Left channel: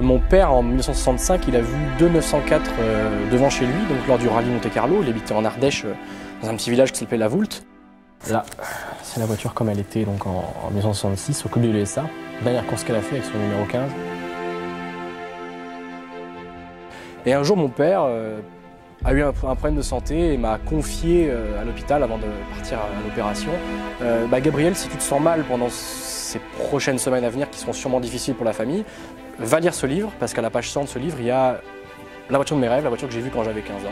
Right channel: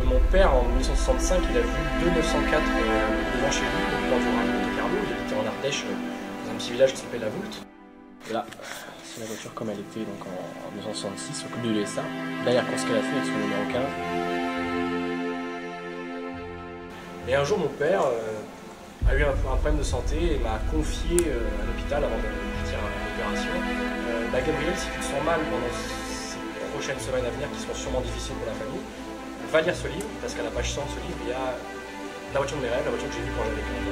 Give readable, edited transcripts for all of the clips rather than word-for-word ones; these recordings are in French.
Mon père, en 1965, il a vu deux 904 devant chez lui, donc lors du rallye Monte-Carlo. Il habitait en Ardèche, dans un petit village qui s'appelait La Voulte. Là, c'est la voiture comme elle était donc en 1966, au club de l'USA. Dernière course qu'elle a fait avec son numéro 15. Et un jour, mon père a eu un problème de santé et m'a confié à l'hôpital avant de partir à l'opération. Gabriel, si tu te sens mal pendant ces prochaines semaines à venir, qui seront sûrement difficiles pour la famille, va lire ce livre, parce qu'à la page 100 de ce livre, il y a la voiture de mes rêves, la voiture que j'ai vue quand j'avais 15 ans.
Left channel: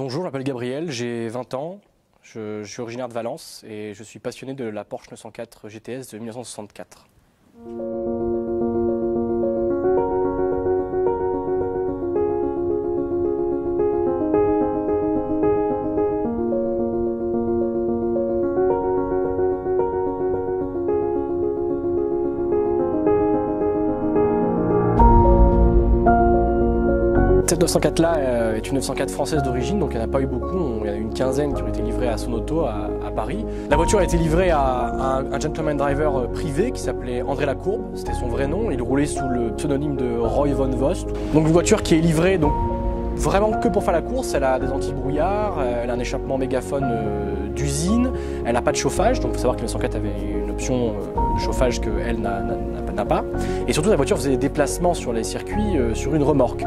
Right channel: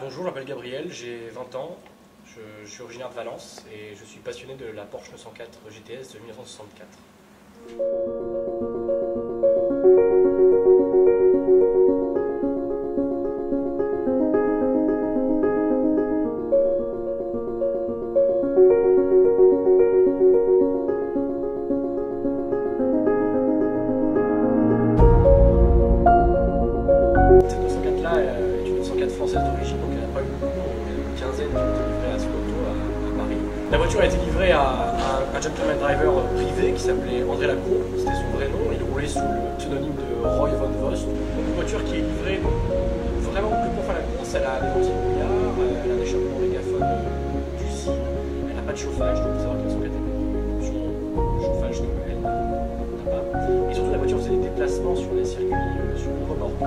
Bonjour, je m'appelle Gabriel, j'ai 20 ans, je suis originaire de Valence et je suis passionné de la Porsche 904 GTS de 1964. Cette 904-là est une 904 française d'origine, donc il n'y en a pas eu beaucoup. Il y en a eu une quinzaine qui ont été livrées à son auto à Paris. La voiture a été livrée à un gentleman driver privé qui s'appelait André Lacour, c'était son vrai nom. Il roulait sous le pseudonyme de Roy von Vost. Donc une voiture qui est livrée donc, vraiment que pour faire la course. Elle a des anti-brouillard, elle a un échappement mégaphone d'usine, elle n'a pas de chauffage, donc il faut savoir que la 904 avait une option de chauffage qu'elle n'a pas. Et surtout la voiture faisait des déplacements sur les circuits sur une remorque.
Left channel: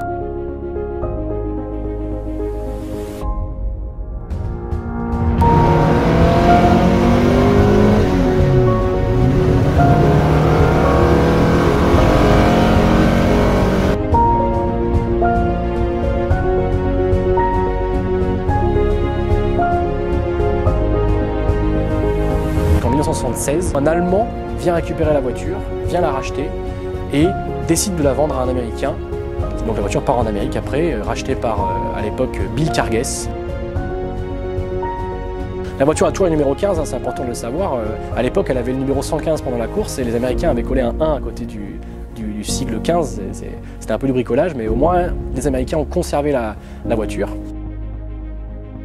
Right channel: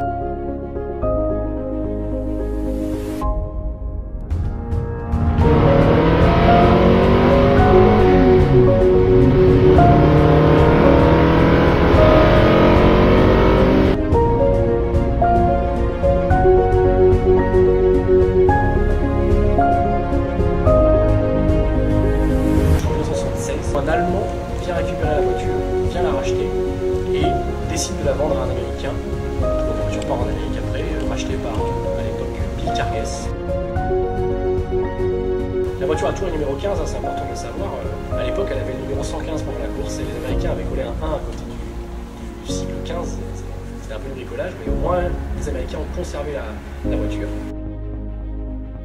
Un Allemand vient récupérer la voiture, vient la racheter et décide de la vendre à un Américain. Donc la voiture part en Amérique après, rachetée par, à l'époque, Bill Carges. La voiture a toujours le numéro 15, hein, c'est important de le savoir. À l'époque, elle avait le numéro 115 pendant la course et les Américains avaient collé un 1 à côté du sigle 15. C'était un peu du bricolage, mais au moins les Américains ont conservé la voiture.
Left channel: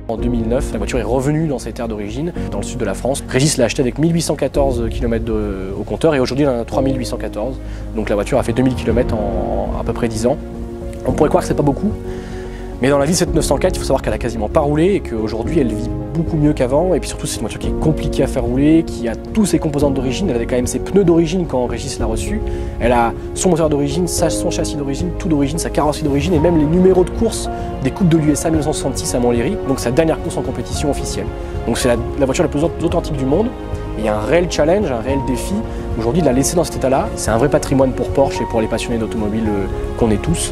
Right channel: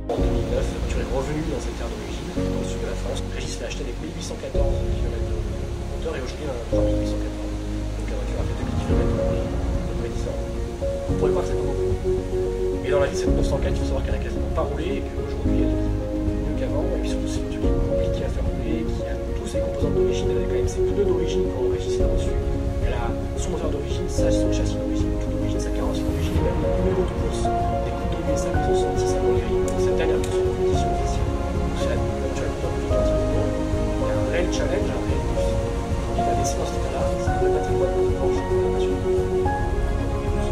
En 2009, la voiture est revenue dans ses terres d'origine, dans le sud de la France. Régis l'a achetée avec 1814 km au compteur et aujourd'hui il en a 3814. Donc la voiture a fait 2000 km en à peu près 10 ans. On pourrait croire que c'est pas beaucoup, mais dans la vie de cette 904, il faut savoir qu'elle a quasiment pas roulé et qu'aujourd'hui elle vit beaucoup mieux qu'avant. Et puis surtout c'est une voiture qui est compliquée à faire rouler, qui a tous ses composantes d'origine. Elle avait quand même ses pneus d'origine quand Régis l'a reçue. Elle a son moteur d'origine, son châssis d'origine, tout d'origine, sa carrosserie d'origine et même les numéros de course des coupes de l'USA 1966 à Montlhéry, donc sa dernière course en compétition officielle. Donc c'est la voiture la plus authentique du monde. Il y a un réel challenge, un réel défi. Aujourd'hui de la laisser dans cet état-là, c'est un vrai patrimoine pour Porsche et pour les passionnés d'automobile qu'on est tous.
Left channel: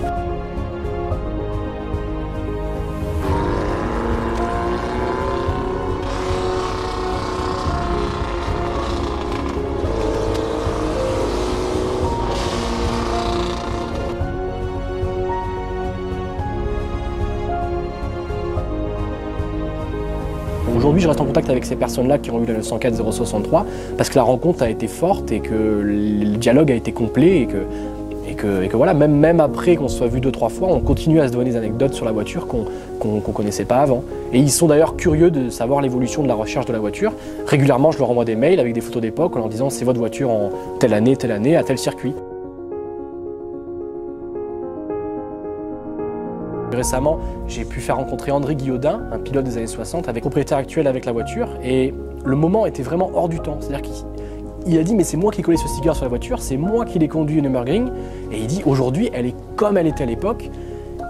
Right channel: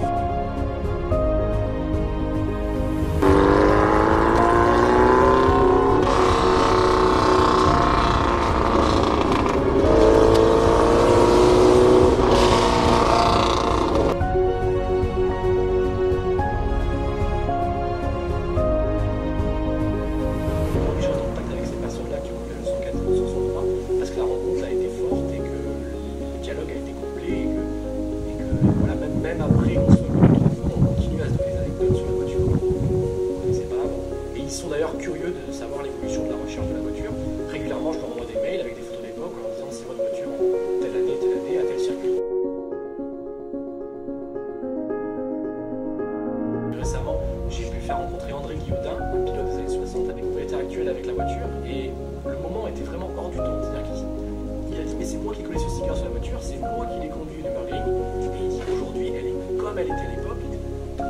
Aujourd'hui, je reste en contact avec ces personnes-là qui ont eu la 904 063 parce que la rencontre a été forte et que le dialogue a été complet et que voilà, même après qu'on se soit vu 2-3 fois, on continue à se donner des anecdotes sur la voiture qu'on ne connaissait pas avant. Et ils sont d'ailleurs curieux de savoir l'évolution de la recherche de la voiture. Régulièrement, je leur envoie des mails avec des photos d'époque en leur disant c'est votre voiture en telle année, à tel circuit. Récemment, j'ai pu faire rencontrer André Guillaudin, un pilote des années 60, avec propriétaire actuel avec la voiture, et le moment était vraiment hors du temps. C'est-à-dire qu'il a dit mais c'est moi qui ai collé ce sticker sur la voiture, c'est moi qui l'ai conduit au Nürburgring, et il dit aujourd'hui elle est comme elle était à l'époque,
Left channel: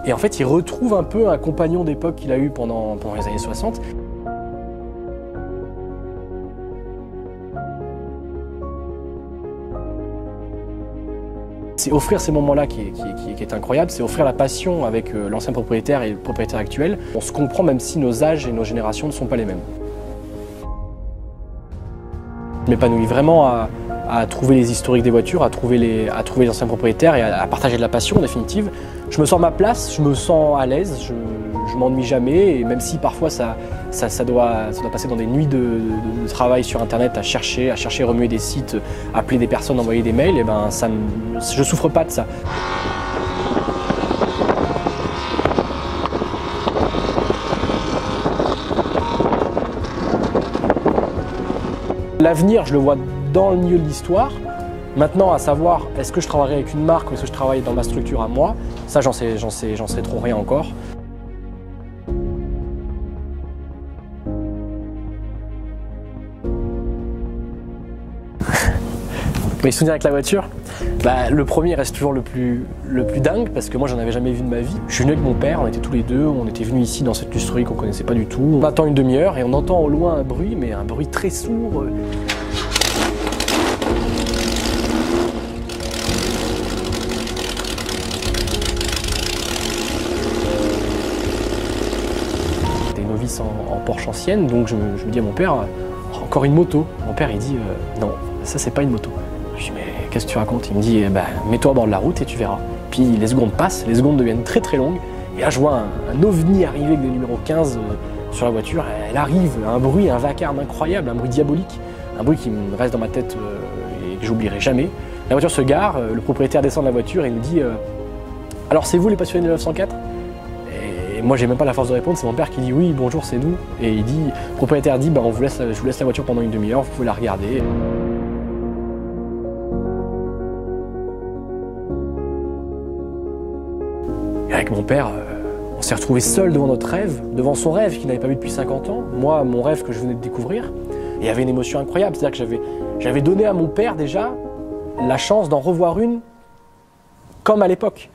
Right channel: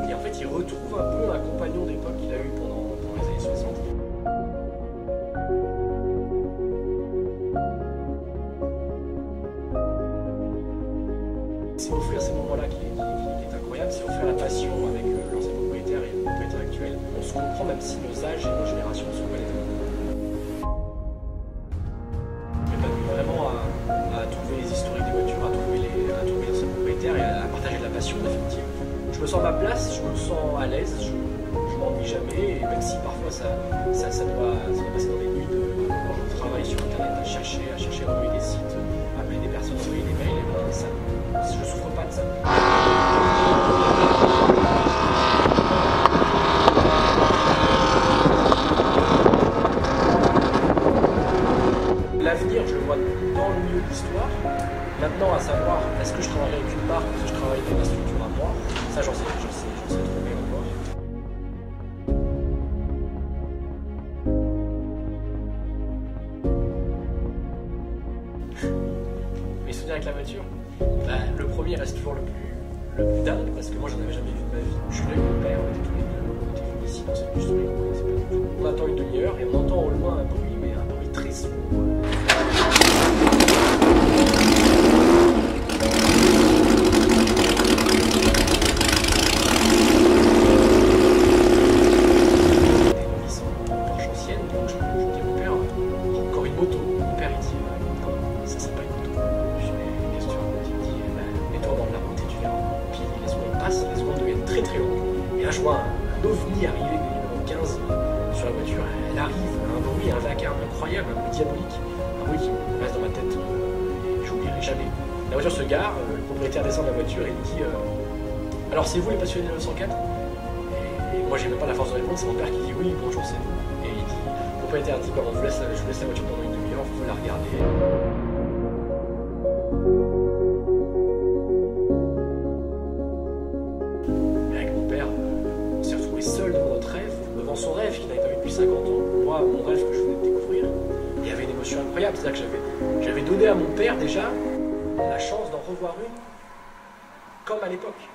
et en fait il retrouve un peu un compagnon d'époque qu'il a eu pendant les années 60. C'est offrir ces moments-là qui est incroyable, c'est offrir la passion avec l'ancien propriétaire et le propriétaire actuel. On se comprend même si nos âges et nos générations ne sont pas les mêmes. Je m'épanouis vraiment à trouver les historiques des voitures, à trouver les anciens propriétaires et à partager de la passion en définitive. Je me sens à ma place, je me sens à l'aise, je m'ennuie jamais et même si parfois ça ça doit passer dans des nuits de travail sur internet à chercher, remuer des sites, appeler des personnes, envoyer des mails, et ben je souffre pas de ça. L'avenir, je le vois dans le milieu de l'histoire. Maintenant, à savoir, est-ce que je travaillerai avec une marque ou est-ce que je travaille dans ma structure à moi, ça j'en sais trop rien encore. Mes souvenirs avec la voiture, le premier reste toujours le plus dingue parce que moi j'en avais jamais vu de ma vie. Je suis venu avec mon père, on était tous les deux, on était venus ici dans cette lustrerie qu'on connaissait pas du tout. On attend une demi-heure et on entend au loin un bruit, mais un bruit très sourd. Des novices en Porsche ancienne, donc je me dis à mon père, encore une moto. Mon père il dit, non, ça c'est pas une moto. Je dis, mais qu'est-ce que tu racontes? Il me dit, mets-toi au bord de la route et tu verras. Puis les secondes passent, les secondes deviennent très très longues. Et là, je vois un ovni arriver avec des numéros 15 sur la voiture. Elle arrive, un bruit, un vacarme incroyable, un bruit diabolique. Un bruit qui me reste dans ma tête et que j'oublierai jamais. La voiture se gare, le propriétaire descend de la voiture et il me dit, alors c'est vous les passionnés de 904? Et moi, j'ai même pas la force de répondre, c'est mon père qui dit, oui, bonjour, c'est nous. Et il dit, le propriétaire dit, je vous laisse la voiture pendant une demi-heure, vous pouvez la regarder. Avec mon père, on s'est retrouvés seuls devant notre rêve, devant son rêve qu'il n'avait pas vu depuis 50 ans, moi, mon rêve que je venais de découvrir. Et il y avait une émotion incroyable, c'est-à-dire que j'avais donné à mon père déjà la chance d'en revoir une comme à l'époque.